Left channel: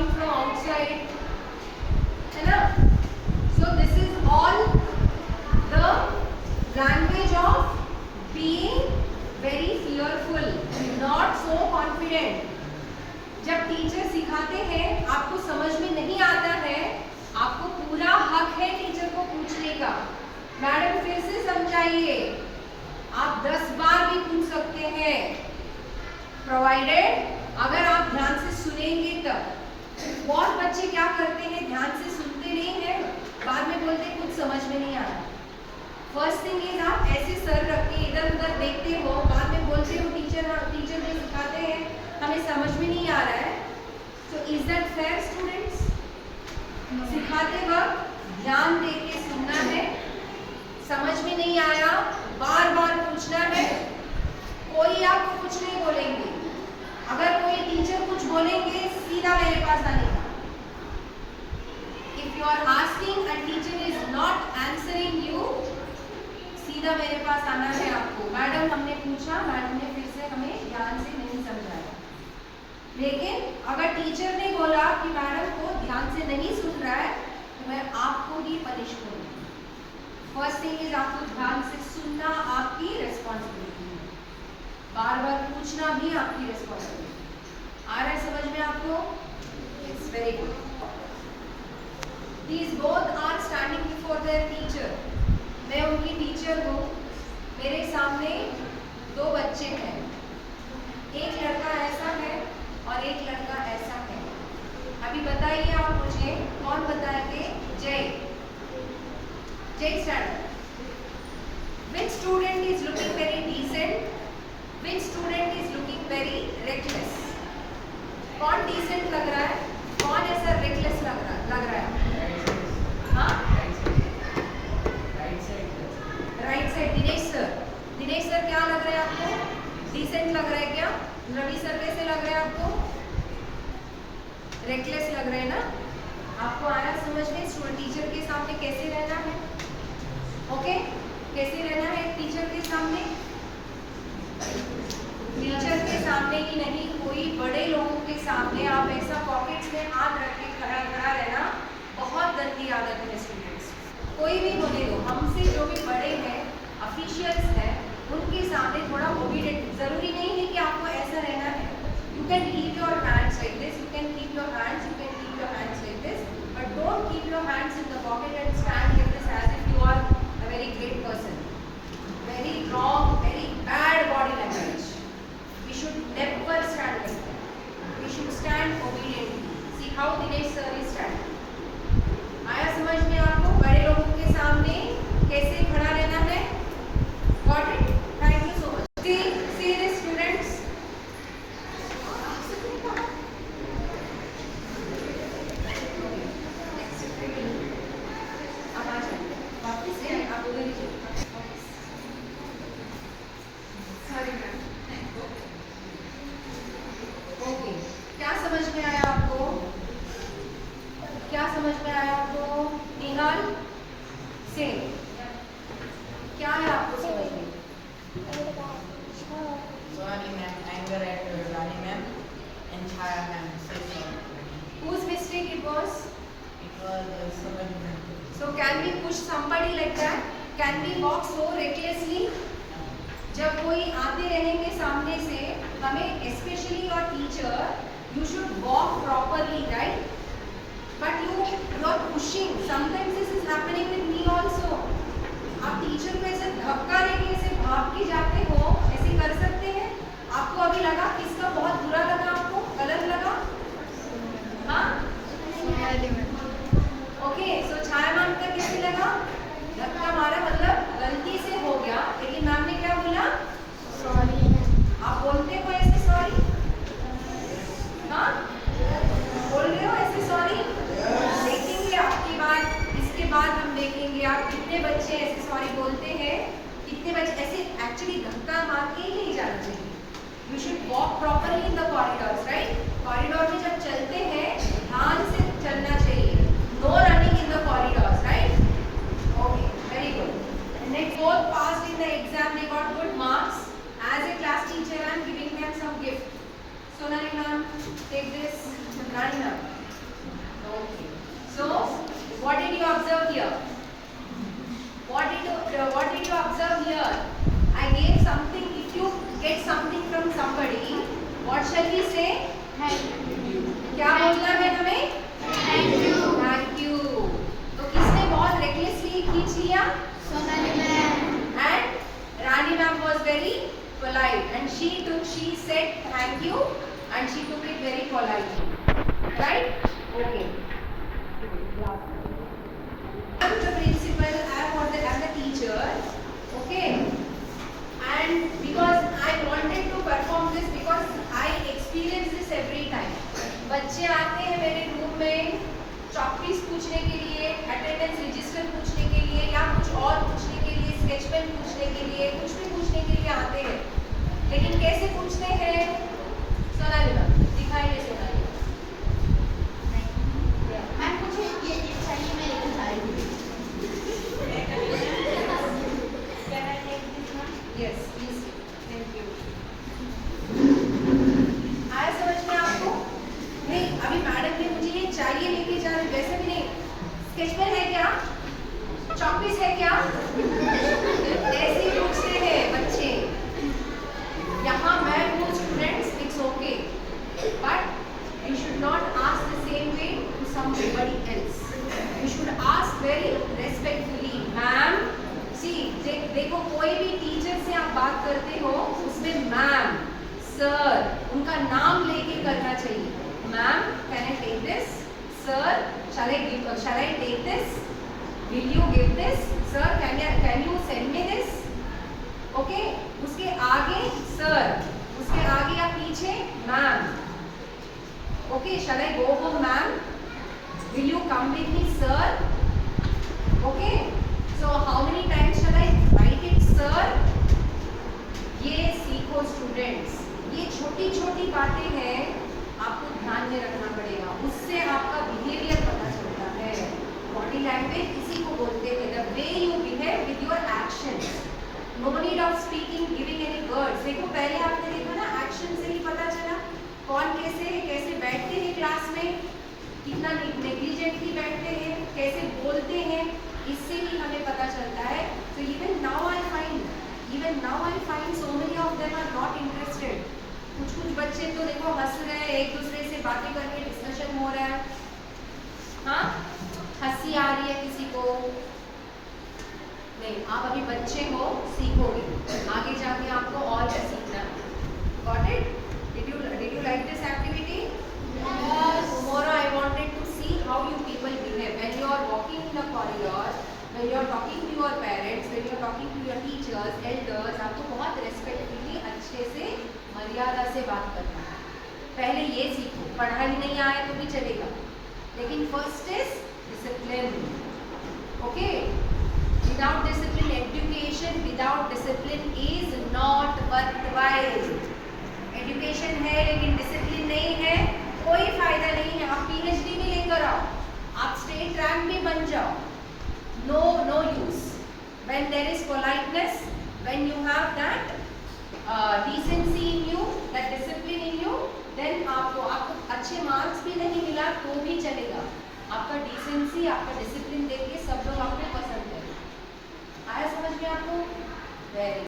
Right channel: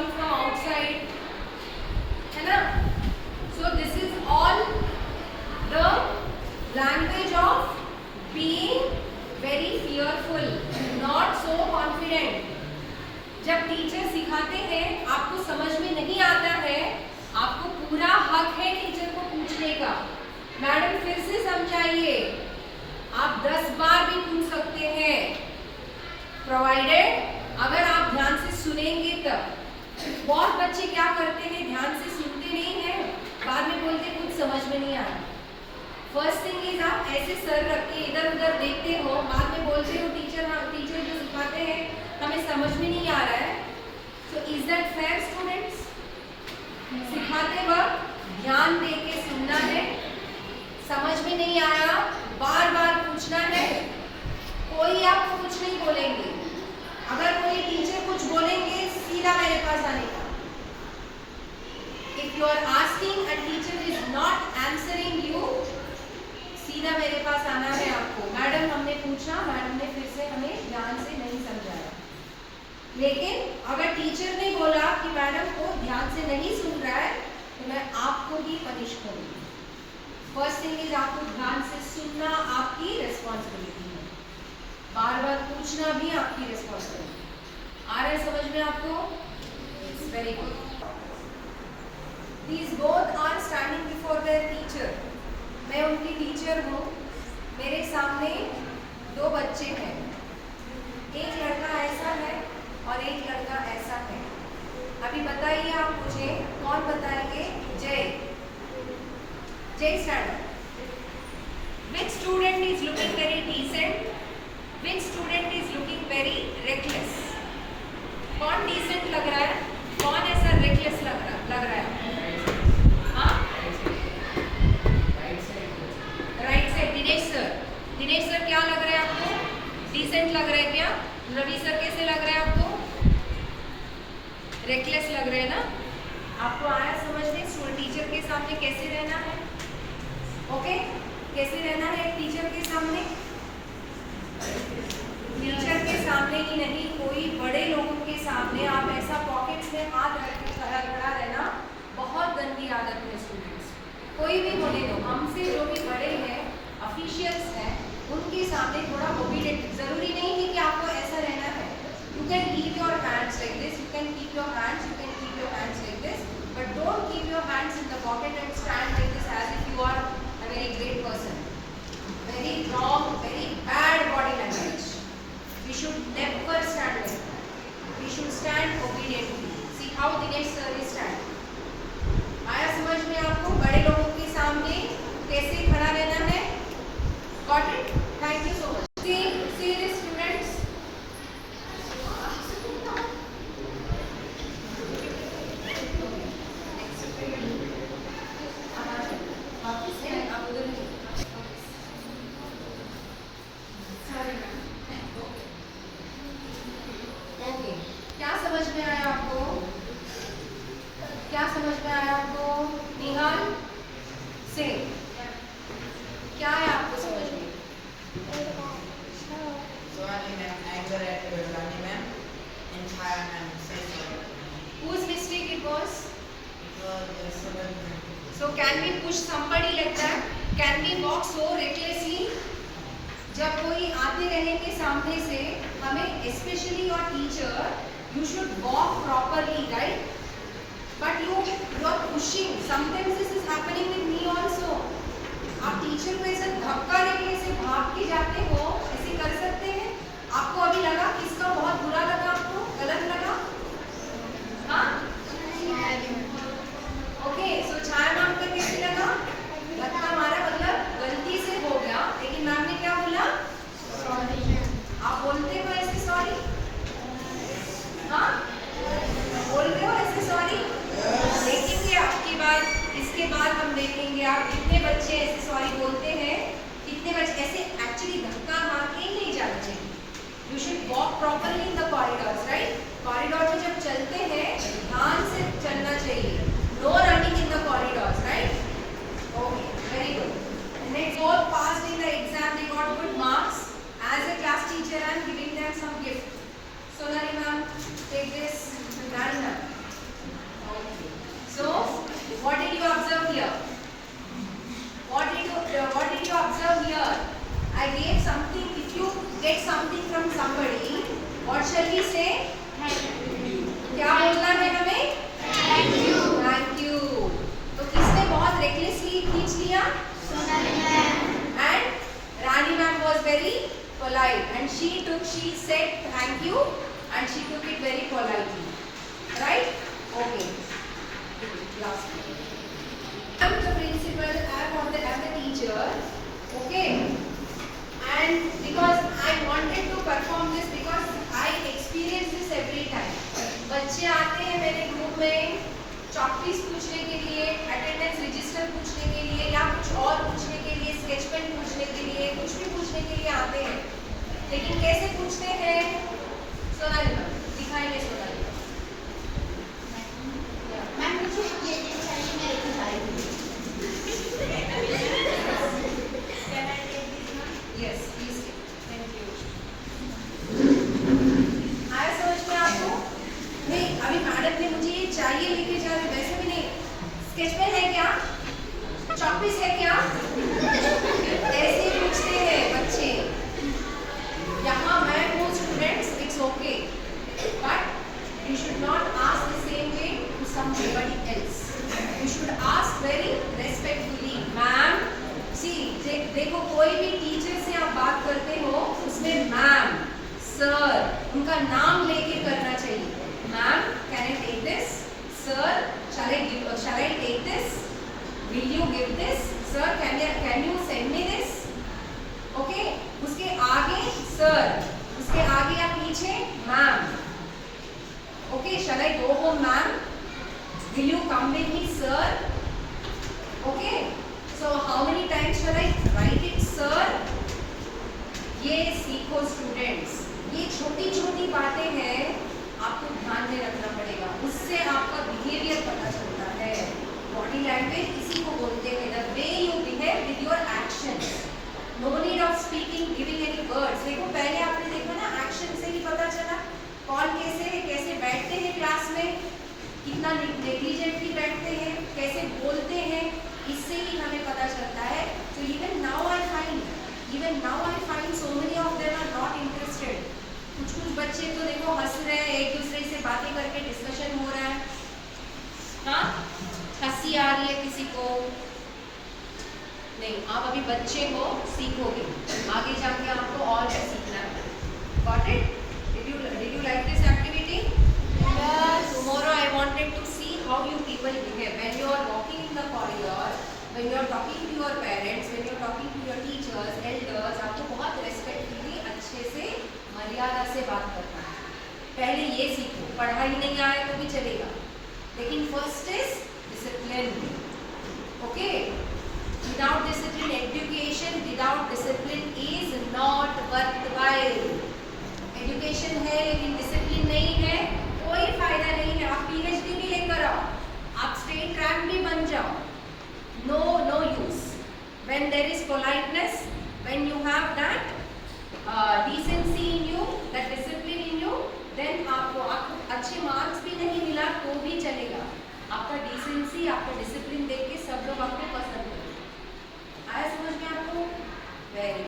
coming from outside, है ना? So this is all the language of being very fearful, not so confident. जब teacher सिखाते हैं, आपको समझ में नहीं आता है, आपको पूरा हक है टीचर को पूछने का, मैडम फिर से समझाइए, आप 10 बार भी पूछ सकते हैं, प्रोवाइडेड अगर आप ध्यान से सुनेंगे तब। बहुत बच्चे क्या करते हैं, ध्यान से सुनते नहीं हैं, बाद में बोलते कुछ समझ में नहीं आया। फर्स्ट थिंग इज आप ऐसे सर रख के इधर उधर देखते हो, बाद में बोलते हो टीचर जो सिखाते हैं हमें समझ में नहीं आ रहा है। So is that fair students? सिखाते वक्त ध्यान दे के सुनना है, समझ में नहीं आया बार बार पूछना है, कोई आपको कुछ नहीं बोलेंगे, अगर कोई टीचर कुछ बोलेंगे सीधा मेरे पास आने का। If you are asking and teacher is not answering you, सीधा मेरे पास आना है आपको, मैडम हमने पूछा, मैडम ने फिर से हमें ध्यान से नहीं समझाया। लेकिन अगर टीचर ने बोला कि मैडम को ध्यान से नहीं सुन रहा है, तो मैं आपको ही पनिश करूंगी। फर्स्ट थिंग इज आपको ध्यान से सुनना आपकी रिस्पॉन्सिबिलिटी है, बार बार पूछना भी आपकी रिस्पॉन्सिबिलिटी। आ रहा है समझ में आपको? It's very good. These both are standing before their teacher. मैं उनकी टीचर हूँ, मेरे सामने 2 बच्चे हैं, एक लड़का ऐसा है और एक लड़का ऐसा है। अभी बताइए आप मुझे, कौन बताएंगे? जय, जय stand up. Which student is looking very decent? Which student is looking very reckless? कौन decent लग रहा है, कौन ऐसा reckless लग रहा है? हाँ, राइट साइड। दिनेश सर क्या लग रहा है आपको? डिसेंट लग रहा है क्या? रवि सर कैसे लग रहा है आपको? रेकलेस लग रहा है ना? आपको आया समझने टीचर के सामने कैसे रहना है? ओके, कैसे रहना है टीचर के सामने? टीचर के सामने ही नहीं, कोई बड़े लोगों के सामने आप ऐसा पॉकेट्स में हाथ रख के खड़ा रहना बहुत गंदी आदत है स्टूडेंट्स। कोई भी बोले लो, हमसे जो भी बड़े हैं, ऑफिशियल्स हैं, उनके सामने थोड़ा ओबीडिएंट, जरूरी नहीं है कि आपको ऐसा रहना है। You can keep your hands like this, you can keep your hands like this, but don't keep your hands in the pocket and stand like this as if you are a very great person. Very wrong, very bad body language. We should never stand like that, we should stand obediently. See how Dinesh sir is stand. आया समझ में आपको? बड़े लोगों के सामने कैसे खड़ा रहना है? Got it? Thank you so much. See this students. अब आ जाइए वापस से, आप उधर ही जाइए। Sorry ma'am. Okay. क्या समझ में आया आपको? क्या समझ में आया आपको? निहाल सिंह, क्या है आपको समझ में? Sorry ma'am, anger at Rani ma'am and Chaya ma'am. Say sorry. Whose mistake it was? It was someone friend. So can we push somebody like that? Can we walk so recklessly? जब कोई आते रहेंगे सामने से, हमें especially your teacher, you should walk properly, right? But you are pushing. Sometimes this is happening with me also. आप teacher को ऐसे धक्का देके ऐसे भाग के जाते हो, ऐसे कर सकते हैं? आपको अभी लगा किसका बहुत बुरा लगा, आपको गलत लगा? हाँ, ओके। सो छाया मैम का कैसे लगा? धक्का मारा, मतलब गलती से हो गया, लेकिन मैम ने क्या बोला? सॉरी। आप बोलते हो ऐसे सॉरी? हाँ, बोल रहे हो ऐसे सॉरी? देखेंगे आपकी बात, इसके बाद हम देखेंगे आप कितने बच्चे ऐसे सॉरी बोलते हैं, कितने बच्चे ऐसे एक्चुअली धक्का मार के नहीं जाना चाहिए। You should walk properly in the corridors, right? Corridor में जब चलते हैं ध्यान से चलना चाहिए, no running in the corridors, right? Okay, very good. Next, both passed in the exam, they got good marks. As a class teacher, I am giving them some gift. Sonali ma'am, take this. Rani ma'am. here? What did you observe here? I gave something. If you get something from somebody, what shall we say? क्या बोलना है हमें? Thank you. तो किसने बहुत recklessly खींच लिया? And Rani ma'am was very polite, and she said thank you, and she took it very politely. Right? Okay. Last one. I'm the principal, I'm the teacher. Okay. And because I wanted to perform this, because I experience this every time. बच्चे आते हैं मेरे group में चॉकपीस पूछने के लिए, attendance register पूछने के लिए, या कुछ और पूछने के लिए, स्केच पेन पूछने के लिए, कुछ भी पूछने के लिए आते हैं. लेकिन कैसे पूछते हैं? सोनाली मैम दिखाएंगे. सोनाली मैं मुझे ये चाहिए, मैं लेके जा रही हूँ. Yes please. Thank you. आया समझ में आपको? नहीं, अभी मैडम ने मुझे ये चाहिए लेके जा रहे, वैसे भी नहीं. स्केच पेन है क्या? चॉकपीस है क्या? ऐसे ही पूछते हैं बच्चे. यहाँ मैं हूँ students, it's okay, but you should not ask the same way to somebody else. You should ask very respectfully. Ma'am, see देखो, कोई भी टीचर से आप बात करते हो उसमें मैम, सर, उनका नाम लेके करना चाहिए. Ma'am, can I take this? Sir, shall I take this? Will you give this? Sir, can you send me this? Okay? उसके आगे सर, उसके आगे या पीछे ma'am. Okay, shall I go home, ma'am? Will you come with me, sir? Okay. So how many times shall I write it, sir? ये सीखो students. ये छोटी छोटी बातें हैं, आपको ध्यान में रखना पड़ेगा. उससे आपका बिहेवियर पता चलता है. बॉडी लैंग्वेज इसी को बोलते हैं. The way you behave with your actions. No need of speaking, giving any words. देखो, पहले आपने देखा ना, एक्शन से ही पता चला कौन कैसे बैठते हैं क्लास में, कितना नेग्लिजेंटली बैठते हैं, कैसे बोलते हैं, इससे ही हमें पता चलता है. So even now I find so many of them are not interested. कुछ बच्चे तो देखो हंस रहे हैं, एक दूसरे से बातें करके डिस्कशन हो रहा है. हाँ, हंसी आ रही है किसी को. नहीं, आप अभी बच्चे हो, सीखोगे, आगे जाके आपको और भी सीखना है. Got it? Did you like this activity? Yes. Tomorrow I wanted to see how you people behave when you are walking in the corridor, when you are talking to your parents, when you are talking to your teachers, elders. आपको बहुत respectfully, अच्छे से, मर्यादा से बात करना है. पहले ये सीखो. पढ़ाई नहीं आए तो भी चलेगा, लेकिन first is discipline. Okay? Without discipline, education without discipline is not worthwhile. Education है लेकिन डिसिप्लिन नहीं है, कोई फायदा नहीं है. आप PhD भी लेकर आओ, आप स्टेट रैंक भी बन जाओ, no use. When there is politeness, when you have that decency in you, that discipline in you, then आपको अच्छे मार्क्स भी नहीं मिला तो भी चलेगा. आपका डिसेंसी, आपका डिसिप्लिन देख के सब लोग आपको पसंद करेंगे. आया समझ में आपको? वेरी